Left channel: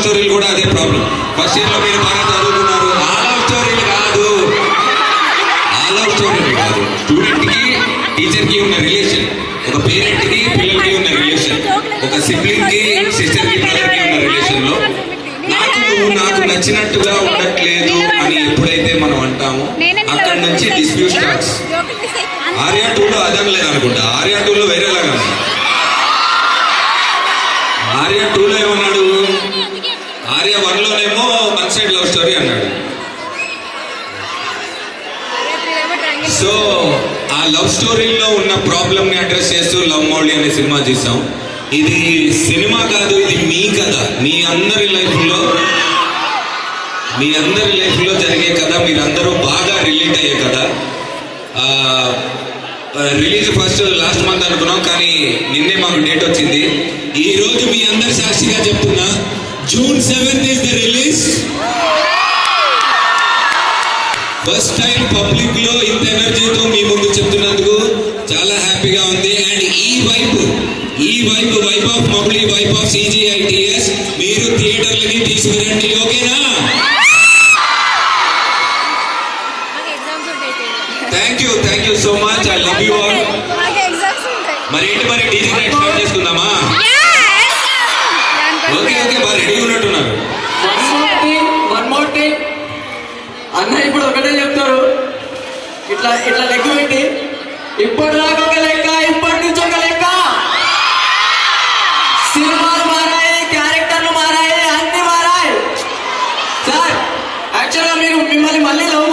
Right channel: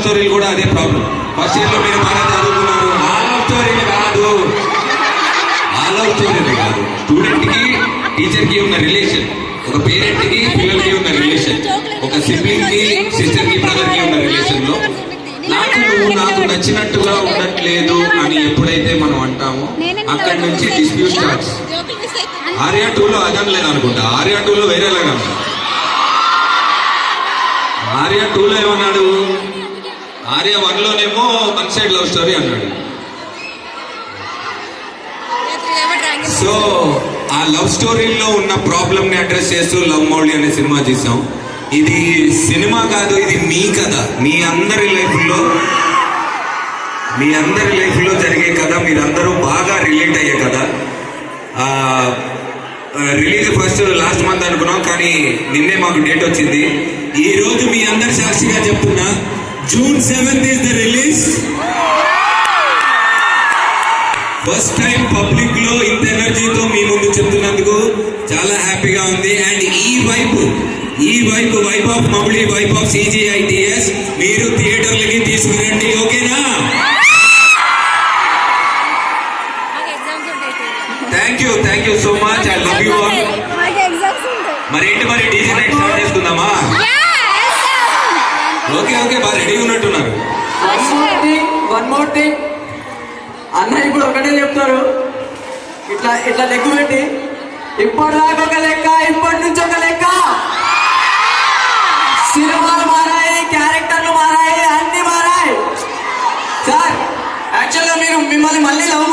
స్టోరీలు కూడా అదే ప్రాబ్లం. ఫస్ట్ ఇయర్ లో మీరు బాగా చదువుతున్నారు, ఆ లవ్ స్టోరీలు కాదు, ఆ లవ్ స్టోరీలు కాదు. స్టూడెంట్ కి టీచర్ కి ఉన్న రిలేషన్, ఒక పేరెంట్ కి పిల్లలకి ఉన్న రిలేషన్, ఒక సిబ్లింగ్ కి సిస్టర్ కి బ్రదర్ కి ఉన్న రిలేషన్ లో నువ్వు నాకు నచ్చినట్టుగా ఉండట్లేదు అని ఎప్పుడైతే మనం అంటామో అక్కడి నుంచి డిస్ప్యూట్ స్టార్ట్స్. ఆర్యా 2లో అదని లేదనుకుంటా, ఆర్యా 2లో వేరేలాగా. ఆర్యా 2లో ఏమన్నాడు, ఆర్యా 1లోనేమో వన్ సైడ్ లవ్ స్టోరీ అన్నాడు. సో ఆ లవ్ స్టోరీలో ఉన్న ప్రాబ్లమ్ ని అడ్రస్ చేస్తూ లవ్ మౌళి అనే సినిమా చూసాం. ఇది సినిమా కాదు, ఇది మీ కథ, మీ అందరి లైఫ్లో జరిగే కథ, మీరందరూ బాగా రిలేట్ అయ్యే కథ. రిలీజ్ ఫస్ట్ లాస్ట్ మంత్ అనుకున్నాం, కానీ నిన్నే మాకు డేట్ వచ్చింది. ఈ రోజు మీ అందరి సాక్షిగా చెప్తున్నా, June 7th is the release. First time public లో ఇంత ఎనర్జీతో మీ ముందు చెప్తున్నందుకు చాలా హ్యాపీగా ఉంది. అండ్ ఈ vibe of Mouli, vibe of CGITS మీరు థియేటర్లకి తీసుకురండి, ఓకేనా? Thank you so much. I love you all. మరి డీజే నైట్ స్టార్ట్ చేసుకుందామా? ఓకే బాగా రెడీగా ఉన్నట్టున్నారు. వన్ మోర్ థింగ్ అన్న, ఇప్పుడు ఒకటే చెప్తారు, ఇట్లా లెక్క పెట్టి, ఇప్పటి దాకా ఒక లెక్క, ఇప్పటి నుంచి ఒక లెక్క. సినిమాలు మారాయి, క్యారెక్టర్లు మారాయి, అన్ని మారాయి. సార్ యాక్చువల్గా మిమ్మల్ని మళ్ళీ లవ్